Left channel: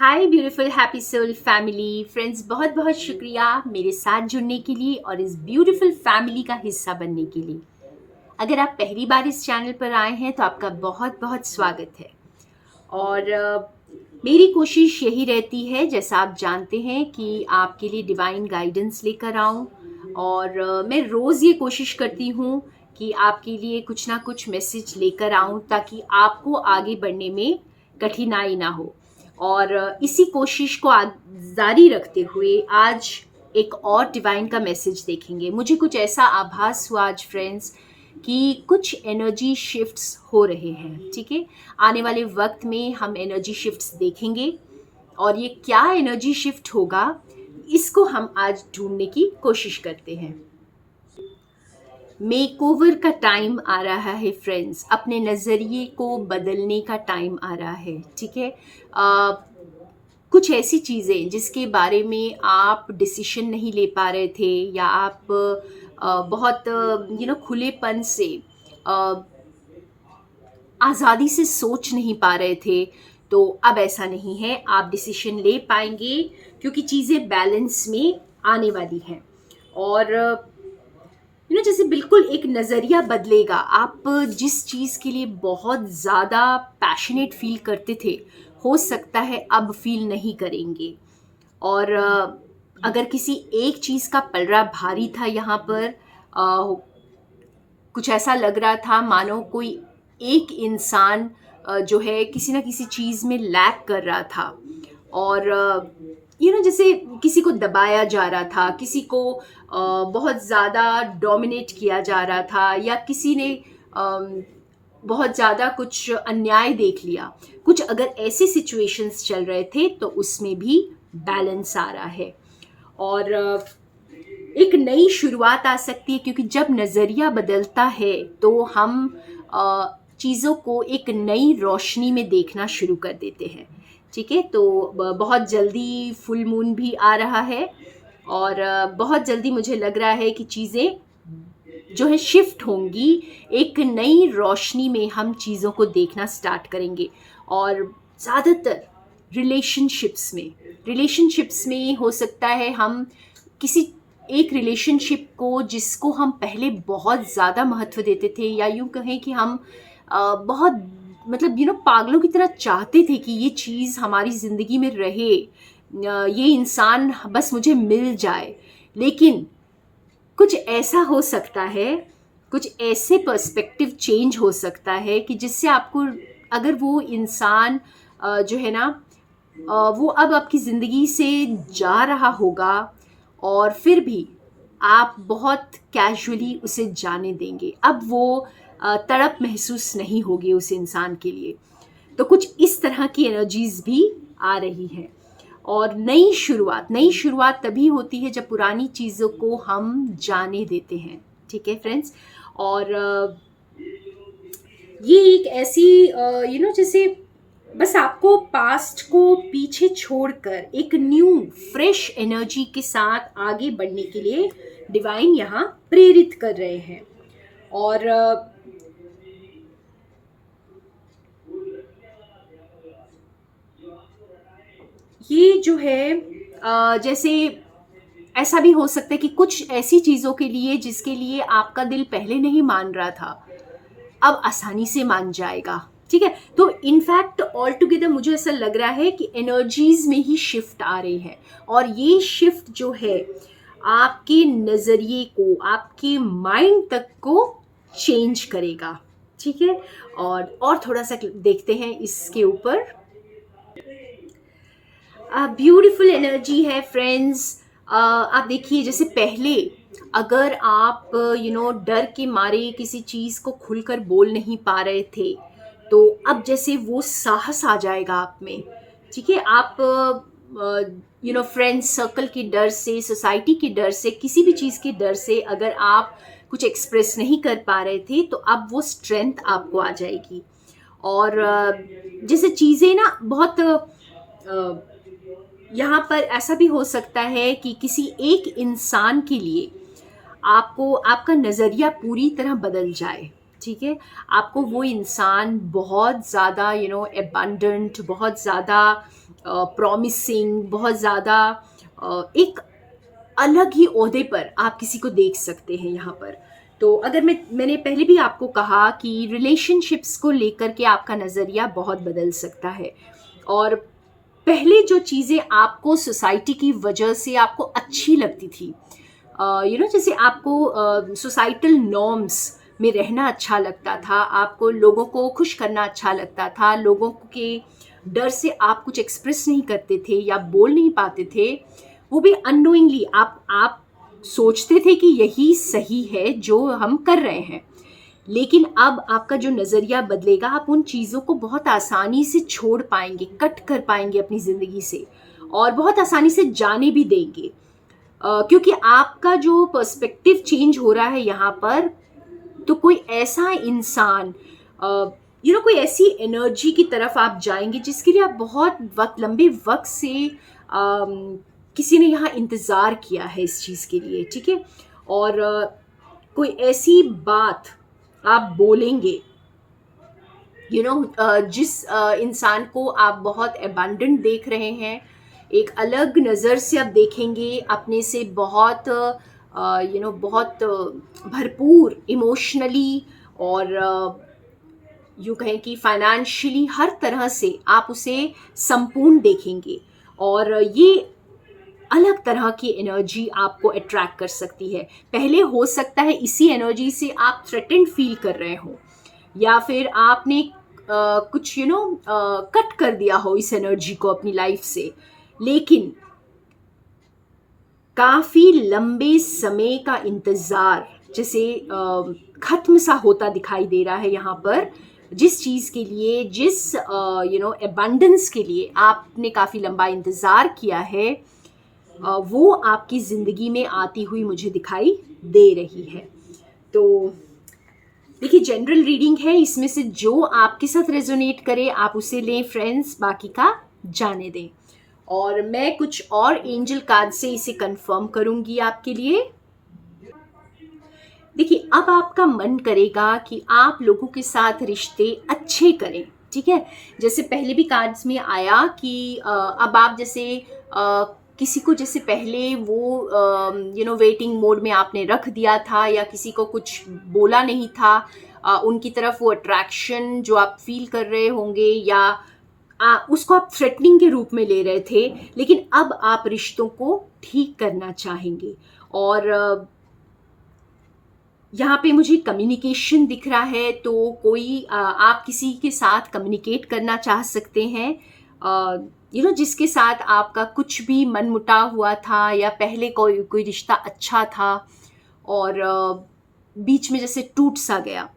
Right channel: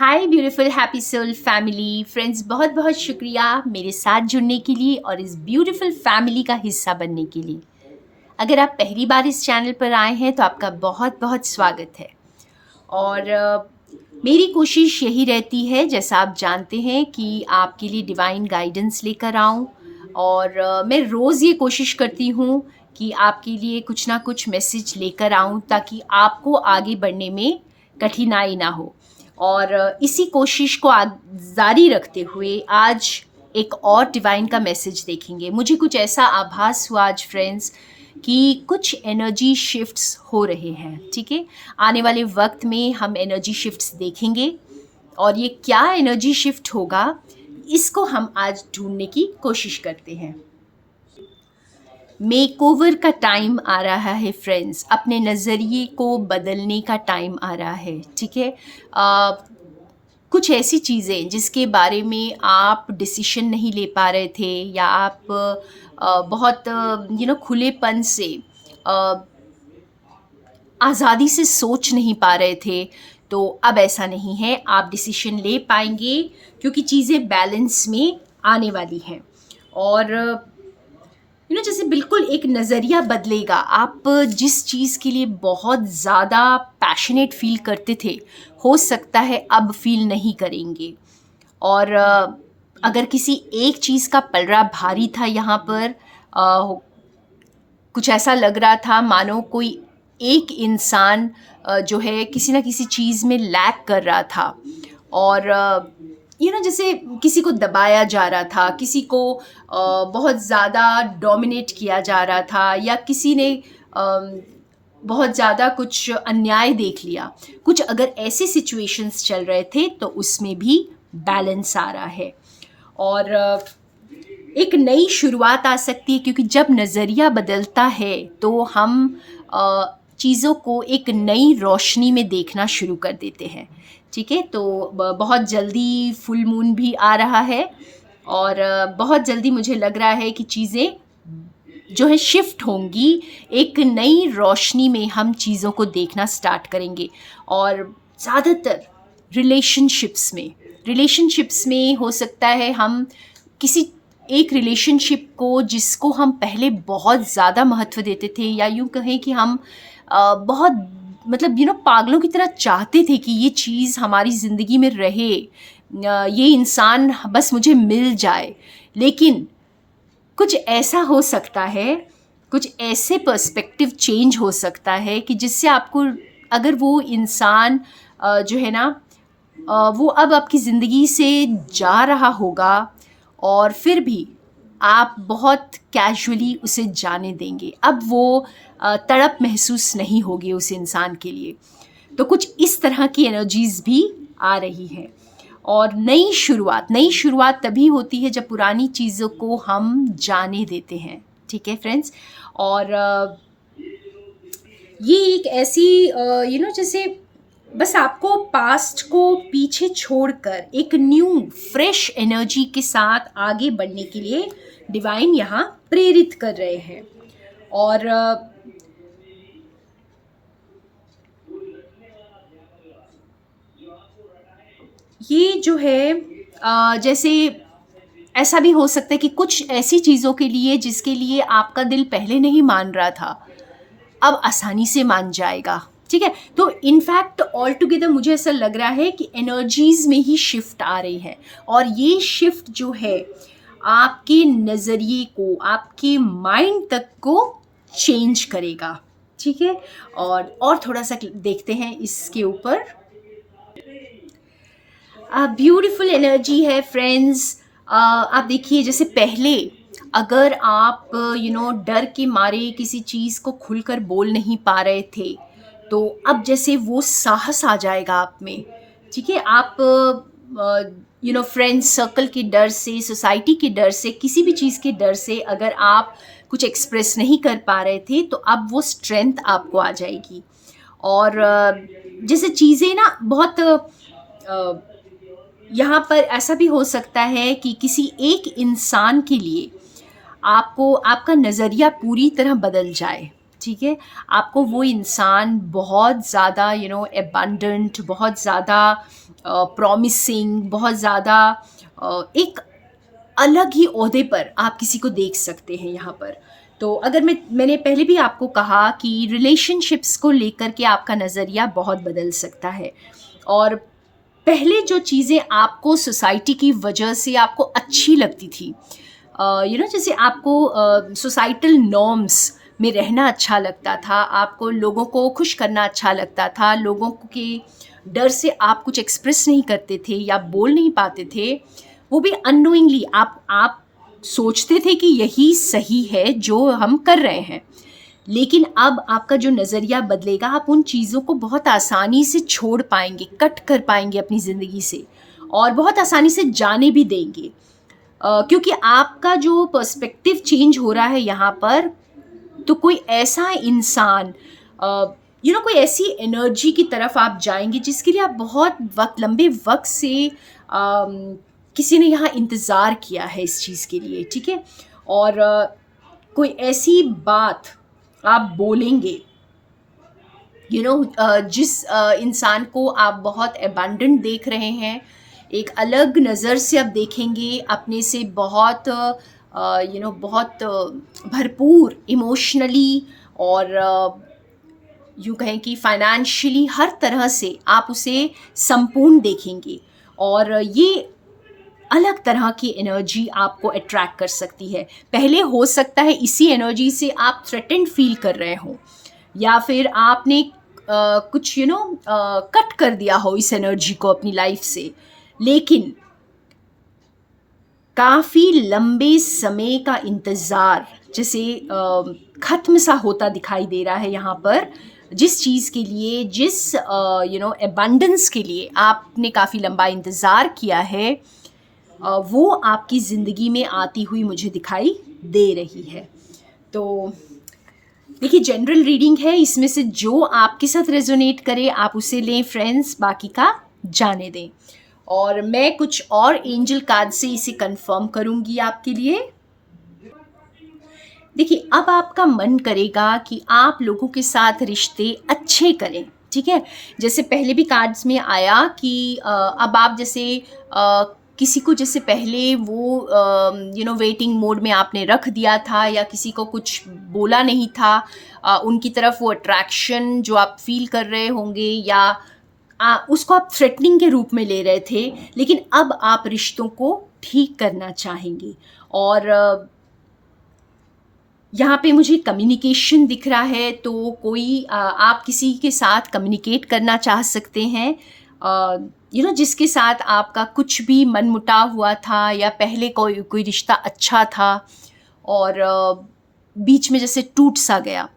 हाय beautiful happy soul family friends, बहुत बहुत शुक्रिया मेरे साथ जुड़ने के लिए और इस ब्यूटीफुल फैमिली का हिस्सा बनने के लिए। अगर आप पहली बार इस चैनल पर आए हैं तो आपका बहुत बहुत स्वागत है। और मेरी कोशिश यही रहती है, जैसा आप जानते हैं, कि आपके लिए डिवाइन गाइडेंस लेकर आऊं। और मैं रोज़ ये कोशिश करती हूँ कि आपके लिए कुछ ना कुछ मैसेज लेकर आऊं ताकि आपको आगे बढ़ने में कठिनाई ना हो। और इसी कोशिश को जारी रखते हुए आज एक और डिवाइन का मैसेज देखेंगे। मुझे कुछ ऐसा आभास हुआ आज फ्रेंड्स कि कुछ एनर्जी शिफ्ट्स हो रहे हैं। ठीक है, आने वाले वक्त में हम एनर्जी शिफ्ट्स देखेंगे और ये क्या एनर्जी शिफ्ट होगा इसको हम आज ढूंढने की कोशिश करते हैं। मेकओवर का टाइम आ रहा है फ्रेंड्स, अपने नज़रिए को बदलने का टाइम आ रहा है। ठीक है, कुछ ऐसी चीज़ें जिसके बारे में आप डिसीशन नहीं ले पा रहे थे या आप बहुत खुलेपन से आज़ादी से सोच नहीं पा रहे थे, तो अब ऐसा नहीं है, आप डिसीशन ले पाएंगे क्योंकि चीज़ें बैलेंस में आने वाली हैं। और जैसे बिल्कुल एक नज़रिया बदलेगा। आप जिस चीज़ के लिए बहुत ज़्यादा पैशनेट फील करते थे, हो सकता है अब फील नहीं करेंगे। और अगर किसी एक चीज़ का पलड़ा भारी था यहाँ पर, कुछ ऐसा लग रहा था मानो कोई एक इंसान जो है किसी ना किसी चीज़ में लैक कर रहा था। और जैसे किसी को दबाया जा रहा था, किसी को बहुत ज़्यादा डोमिनेट किया जा रहा था, या किसी ने बहुत ज़्यादा कुछ अन्याय देख लिया। कुछ अगर ऐसे सिचुएशंस चल रहे थे तो उसमें भी बैलेंस आ रहा है और एक नई शुरुआत आ सकती है, क्योंकि जब नज़रिया बदलता है तो हम चीज़ों को एक नई रोशनी में देखना शुरू कर देते हैं। ठीक है, तो बहुत जल्दी फुल मून भी आ रहा है और बहुत जल्दी मुझे लग रहा है कि चीज़ें जो है शिफ्ट होंगी। एक नई रोशनी में हम चीज़ों को देखना स्टार्ट करेंगे। और ज़्यादातर रिलेशनशिप्स में हो सकता है हम किसी एक रिलेशनशिप को, जिसको हम पहले बहुत ज़्यादा महत्व देते थे, या यूँ कहें कि हम बहुत पागलों की तरह चाहते थे कि ये चीज़ हमारी ज़िंदगी में रहे, ये इंसान बस मुझे मिल जाए। लेकिन कुछ ऐसा हो सकता है, कुछ ऐसे पर्सपेक्टिव चेंज हो सकता है कि जिससे आपको, अगर वो इंसान जो है ना वो अब आपकी ज़िंदगी से जा रहा होगा और फिर भी आप बहुत कैजुअली उसे जाने देंगे, अब वो तड़प महसूस नहीं होगी उस इंसान के लिए। तो कुछ इस तरह की एनर्जीज भी आ रही हैं। और नई शुरुआत तभी होती है जब पुरानी चीज़ों को हम जाने देते हैं। ठीक है फ्रेंड्स, और ये एक ऐसी जैसे बस आपको पास्ट को पीछे छोड़कर एक न्यू फ्रेश एनर्जी के साथ आगे बढ़ने के लिए डिवाइन यहाँ प्रेरित कर रहे हैं। और ये जो है जैसे ऐसा भी हो सकता है कि कुछ ऐसी चीज़ों के लिए जिसके लिए आपका दिल पहले नहीं मान रहा था, अब आसानी से मान जाएगा। ठीक है, तो इनफैक्ट ऑल टुगेदर मुझे ऐसा लग रहा है कि एनर्जीज में ही शिफ्ट आ रही है, और ये शिफ्ट जो है आपके नज़रिए को, आपके माइंड तक को चेंज करेगा। ठीक है, और थोड़ा सा देखते हैं इसके ऊपर। ब्यूटीफुल एनर्जी है फ्रेंड्स। आप देखिए, जैसे पहले अगर आप डर के मारे किसी चीज़ को खुलकर बोल नहीं पा रहे थे, तो अब जैसे वो साहस आ जाएगा आप में। ठीक है, आप फ्रेंड्स सर्कल के डर से, सोसाइटी के डर से, किसी भी चीज़ के डर से अगर आप कुछ एक्सप्रेस नहीं कर पा रहे थे, तो अब वो स्ट्रेंथ आपको आ जाएगी। और जैसे चीज़ें ना बहुत यहाँ पर ऐसा भी हो सकता है कि किसी एक इंसान के लिए आपको, आपका नज़रिया पूरी तरह बदल जाए। ठीक है? आपको वो इंसान बहुत ज़्यादा एबंडेंट, बहुत ज़्यादा प्रॉमिसिंग, बहुत ज़्यादा एक अलग ही ओहदे पर आप किसी को देख सकते हैं यहाँ पर। तो अगर मैंने पहले भी आपको कहा कि रिलेशनशिप्स को लेकर के आपका नज़रिया बहुत बदल सकता है। और पहले जो चीज़ें आपको सोसाइटी की वजह से आपको अच्छी लगती थी, जैसे आपको सोसाइटल नॉर्म्स में रहना अच्छा लगता था, आपको लोगों को खुश करना अच्छा लगता था, लोगों के डर से आप कुछ एक्सप्रेस नहीं करते थे या बोल नहीं पाते थे, वो भी अननोइंगली आप सोचते थे कि यही सही है जो हम कर रहे हैं। लेकिन अब आपका जो नज़रिया बदलेगा, आप उन चीज़ों को बहुत आसानी से छोड़ पाएंगे, कट कर पाएंगे अपनी ज़िंदगी से, और बहुत आसानी से जाने भी देंगे। क्योंकि आपका जो पर्सपेक्टिव चेंज हो रहा है यहाँ पर। तो कोई ऐसा इंसान, कोई ऐसी एनर्जी की तरफ आप जाएंगे जिसके लिए आप बहुत लंबे वक्त से किसी ने यहाँ इंतज़ार किया है इस चीज़ के लिए, ठीक है? और कोई ऐसी बात आप बोलेंगे, जिस इंसान को आप बहुत एबंडेंट देख रहे हैं, एक अलग नज़र से आप देखेंगे, अपने से बहुत बहुत भरपूर इमोशनली, और यूँ कहें कि फाइनेंशियली हर तरह से आप उसे संपूर्ण देखेंगे। और ये अलग तरह की एनर्जी आपको अट्रैक्ट कर सकती है। पहले हो सकता है इसी एनर्जी से आप थ्रेटेंड फील कर रहे हो, या फिर आपने कुछ कट कर दिया हो इस एनर्जी को अपनी लाइफ से, लेकिन काफ़ी लंबे समय का इंतज़ार जैसे ख़त्म सा होता दिखाई दे रहा है यहाँ पर। जिस चीज़ के लिए, जिस एबंडेंस के लिए आपने काफ़ी लंबा इंतज़ार किया है, वो आपकी ज़िंदगी में आती हुई मुझे दिखाई दे रही है। तो देखिए, जनरल रीडिंग है, इसमें से जो आपके साथ रेजोनेट करे आप उसे लें फ्रेंड्स, बाकी का जाने दें। और मैं कुछ और एंजल कार्ड से इसे कंफर्म करूंगी आपके लिए। देखिए, अब आपका मन करेगा कि आप लोगों के साथ रिश्ते अच्छे करें, ठीक है? जैसे पहले भी कार्ड्स में आया कि अब आप जैसे किसी को जैसे पहले वो वेटिंग मोड में आपने रख दिया था, या किसी को कुछ बोला नहीं था, उनकी तरफ वो अट्रैक्शन जो आप फील कर रहे होंगे, या उसको आप थ्रेटनिंग के रूप में ले रहे थे, लेकिन अब आप रिश्तों को ठीक करना चाहेंगे। और यहाँ पे मुझे कम्युनिकेशन दिख रहा है, तो कोई आप किसी के साथ कम्युनिकेट करना चाह सकते हैं, जिसके साथ आपका कुछ भी मनमुटाव हुआ था, या पहले कोई रिश्ता अच्छा था और बीच में जैसे टूट सा गया।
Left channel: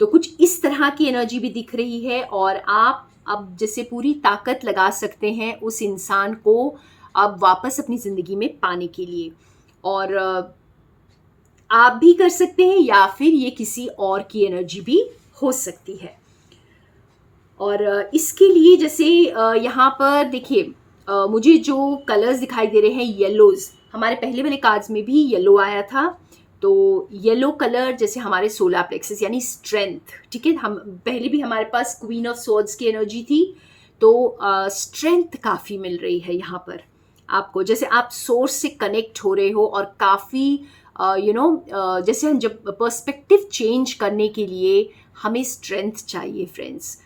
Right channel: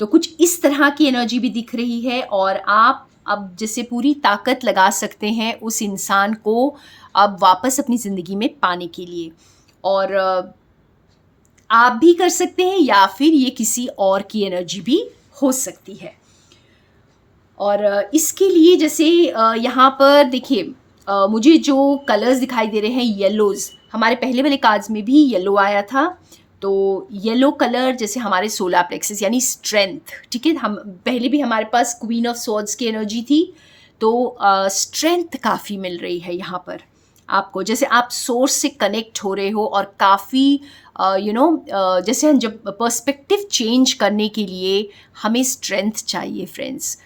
तो कुछ इस तरह की एनर्जी भी दिख रही है, और आप अब जैसे पूरी ताकत लगा सकते हैं उस इंसान को अब वापस अपनी ज़िंदगी में पाने के लिए। और आप भी कर सकते हैं, या फिर ये किसी और की एनर्जी भी हो सकती है। और इसके लिए जैसे यहाँ पर देखिए, मुझे जो कलर्स दिखाई दे रहे हैं येलोज़, हमारे पहले वाले कार्ड्स में भी येलो आया था। तो येलो कलर जैसे हमारे सोलर प्लेक्सस यानी स्ट्रेंथ, ठीक है? हम पहले भी हमारे पास क्वीन ऑफ स्वॉर्ड्स की एनर्जी थी, तो स्ट्रेंथ काफ़ी मिल रही है यहाँ पर आपको, जैसे आप सोर्स से कनेक्ट हो रहे हो, और काफ़ी जैसे हम जब पर्सपेक्टिव चेंज करने के लिए हमें स्ट्रेंथ चाहिए फ्रेंड्स।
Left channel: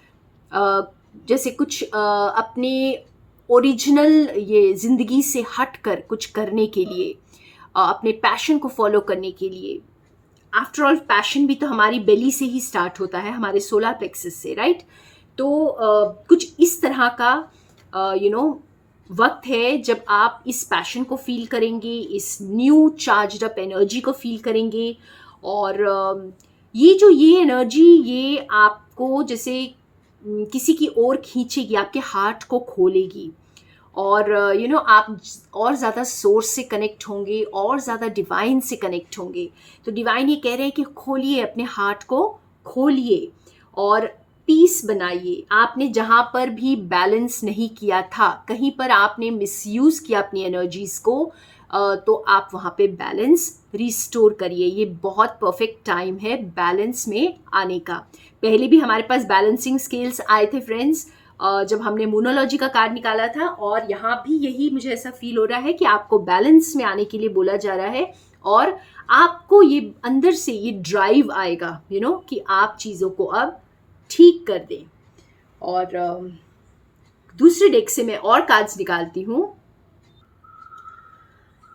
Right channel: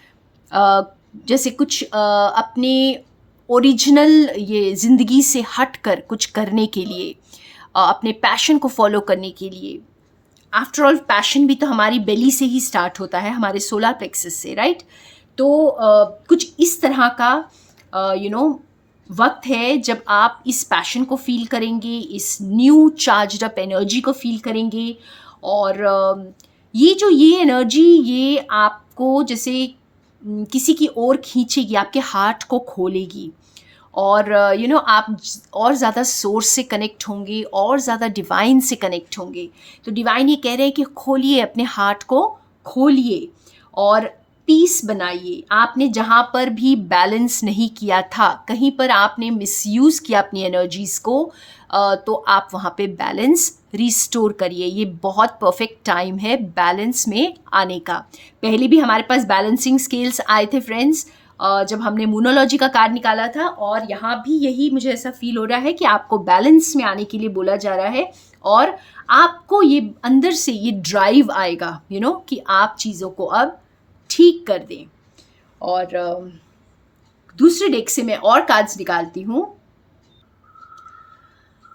जैसे कुछ अपने ओरिजिनल ये ज़िंदगी से हट कर कुछ करने के लिए, अपने पैशन को फॉलो करने के लिए। आफ्टर ऑल पैशन भी तो हमारी बेली से ही स्टार्ट होता है, हमारे सोलर प्लेक्सस से, राइट? तो कुछ इस तरह का वक्त है जब आप इस पैशन को फील करेंगे, इस न्यू चार्ज्ड अप एनर्जी को फील करेंगे। और ये एनर्जी ये आपको जैसे किसी की ओर खींचेगी, आपके हार्ट को खोलेगी, और आप और ज़्यादा सोर्स से कनेक्ट होंगे, और ज़्यादा डिवाइन से कनेक्ट होंगे। तो डिवाइन ये कह रहे हैं कि खोलिए, अपने हार्ट को खोलिए, और पीस बनाइए। आपने जहाँ पर भी बैलेंस नहीं किया था, कहीं पर आपने मिसयूज़ किया अपनी एनर्जीज़ को, तो आप वहाँ पे बैलेंस रिस्टोर करिए। ये बहुत परफेक्ट टाइम है बैलेंस में आने का। पहले भी हमारे पास बैलेंसिंग स्केल्स आए थे फ्रेंड्स, जब हमने मूनोलॉजी का कार्ड निकाला था, और यहाँ भी यही मुझे ऐसा फील हो रहा है कि आपको बैलेंस में आने के लिए बोला जा रहा है, और आपको ये अंदर से ये ड्राइव आएगा कि आप चीज़ों को अब ठीक कर दें। और दूसरे डेक से मैं और कार्ड्स निकालती हूँ।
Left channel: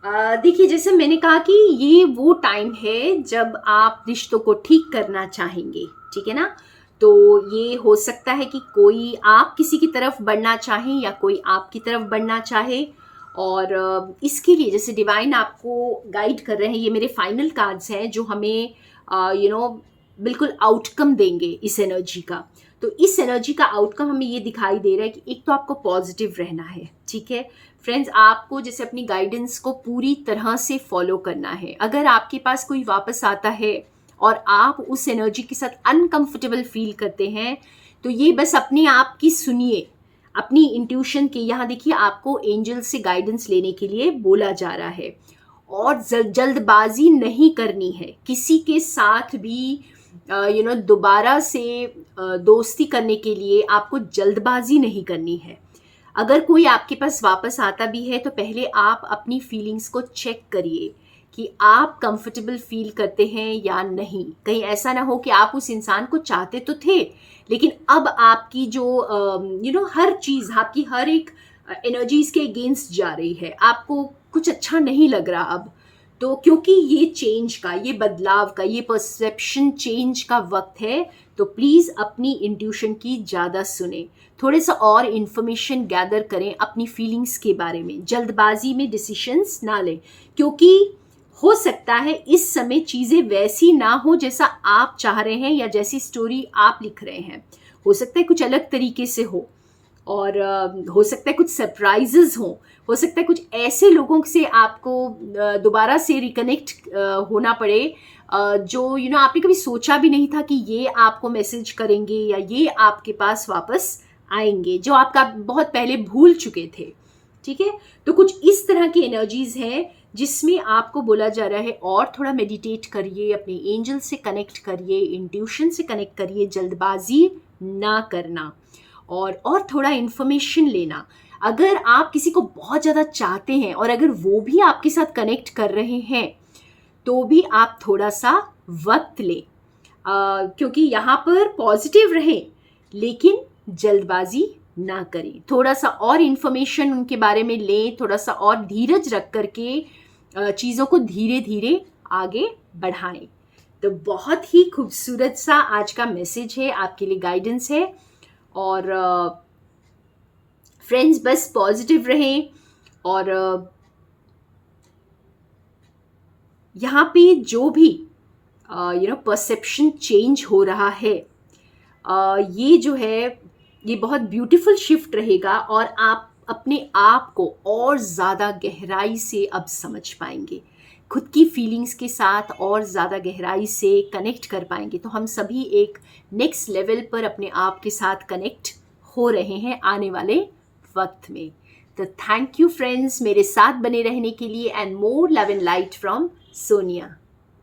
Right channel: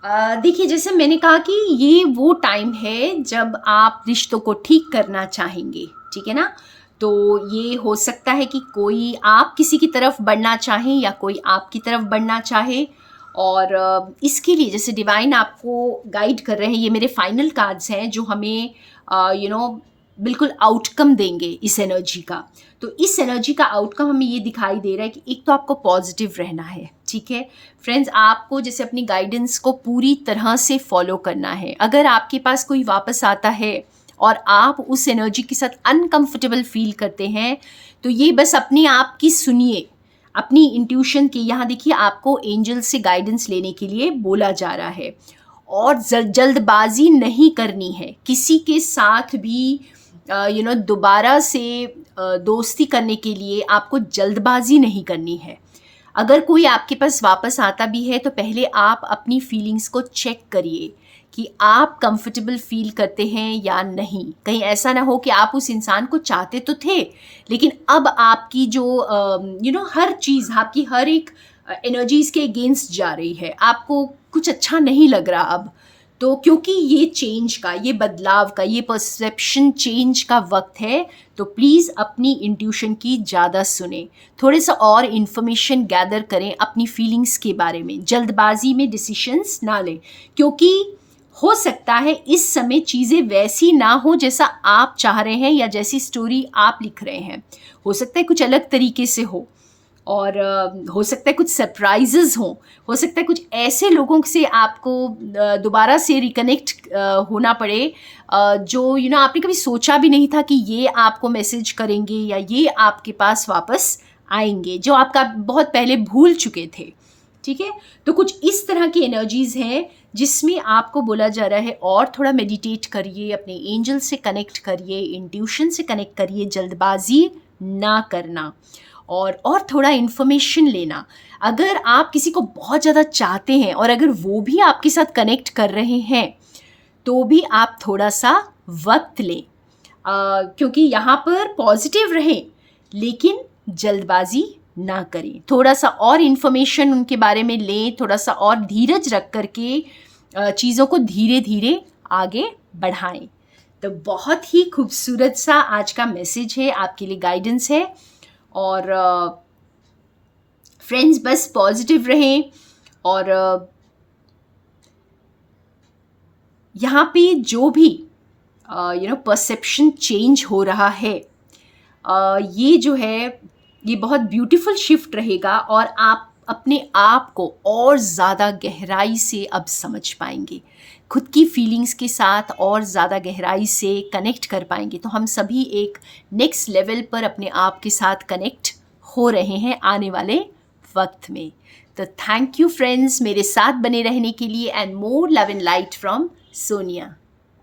देखिए, जैसे मैंने कहा कि ये वो टाइम है जब आप रिश्तों को ठीक करना चाहेंगे, ठीक है ना। तो ये हो सकता है कि कोई आप किसी की तरफ बढ़ना चाहे या कोई आपकी तरफ बढ़ना चाहे, और इसके लिए जैसे डिवाइन आपको गाइड कर रहे हैं, ये मेरे फाइनल कार्ड्स हैं जो हमें बिल्कुल आउटकम देंगे इस एनर्जी का। तो इस एनर्जी का आउटकम हमें ये दिखाई दे रहा है कि एक तो आपको पॉजिटिव रहना है, ठीक है फ्रेंड्स। आपको जैसे अपनी गाइडेंस को पूरी तरह से फॉलो करना है। अगर आपके पास कोई वापस आता है और आप उस एनर्जी के साथ अनकंफर्टेबल फील करते हैं, तो ये बस अपने आप की सुनिए, अपनी इंट्यूशन की। यहाँ देखिए, आपको एंजल से गाइडेंस लेने के लिए बोला जा रहा है, और जल्दबाजी नहीं करनी है किसी के साथ भी। दोबारा से दोस्ती करने के लिए आपको जल्दबाजी नहीं करनी है। अगर कोई आपके पास वापस आता भी है, तो पहले आप अपनी फीलिंग्स को चेक करिए कि आप कंफर्टेबल फील करते हैं या नहीं। कहीं ऐसा ना हो कि आप उस इंसान को चाहते तो थे, लेकिन अब आपकी जो हर चीज़, आपकी हर एक एनर्जी इसके अगेंस्ट जा रही है, आपको कुछ अच्छा नहीं लग रहा अब। तो क्योंकि ये चेंज का, ये बदलाव का, ये परसेप्शन चेंज का वक्त है, तो प्लीज़ अपनी इंट्यूशन की ज़्यादा सुने, थोड़े सा और इन्फॉर्मेशन गैदर करें अपनी फीलिंग्स के बारे में। जल्दबाजी में डिसीशंस ना लें, क्योंकि हो सकता है इस समय चीज़ें वैसी ना हो जैसा आप चाह रहे हैं या जैसी स्टोरी आप लिख रहे हैं। हो सकता है कुछ अलग तरीके से हो, और हो सकता है कुछ सरप्राइजेस हो सकता है कुछ ऐसे लोगों से आपको दोबारा से रिकनेक्ट होना पड़े, जो आपने कभी सोचा भी नहीं था कि ये आपको मैसेज करेंगे या ये आपके पास वापस आएंगे, जो आपका बहुत पहले भूल चुके थे, ठीक है। तो कुछ इस तरह की एनर्जीज हैं जिसमें आपको बोला जा रहा है और थोड़ा मेडिटेट करिए, अपने एंजल से कनेक्ट करिए, इंट्यूशन से कनेक्ट करिए, जल्दबाजी ना करना, और थोड़ा इन्फॉर्मेशन लेना। अगर आप किसी को बहुत ज़्यादा चाहते हैं और अगर वो भी आपके साथ कनेक्ट कर रहे हैं, तो भी आप थोड़ा सा वक्त लें, क्योंकि यहाँ पर पॉजिटिव रहें लेकिन जल्दबाजी ना करें। थोड़ा सा और इन्फॉर्मेशन उनके बारे में लें, थोड़ा सा और धीरज रख करके चीज़ों को धीरे धीरे आगे बढ़ाएं। तो बहुत ही खूबसूरत सा आज का मैसेज है, आपके लिए गाइडेंस है। और फ्रेंड्स, बस पॉजिटिव रहें, और यहाँ पे जो भी परसेप्शन चेंज हो रहा है, ये जो है ये बहुत ब्यूटीफुल शिफ्ट रहेगा, और आप अपने आप को और ज़्यादा गहराई से अब समझ पाएंगे, खुद की फीलिंग्स के साथ और ज़्यादा गहराई से कनेक्ट कर पाएंगे। तो हम सभी एक नेक्स्ट लेवल पर अपने आप के साथ कनेक्ट हो रहे हैं आने वाले वक्त में। तो थैंक यू फ्रेंड्स, मेरे साथ बने रहने के लिए, and more love and light from Sonia.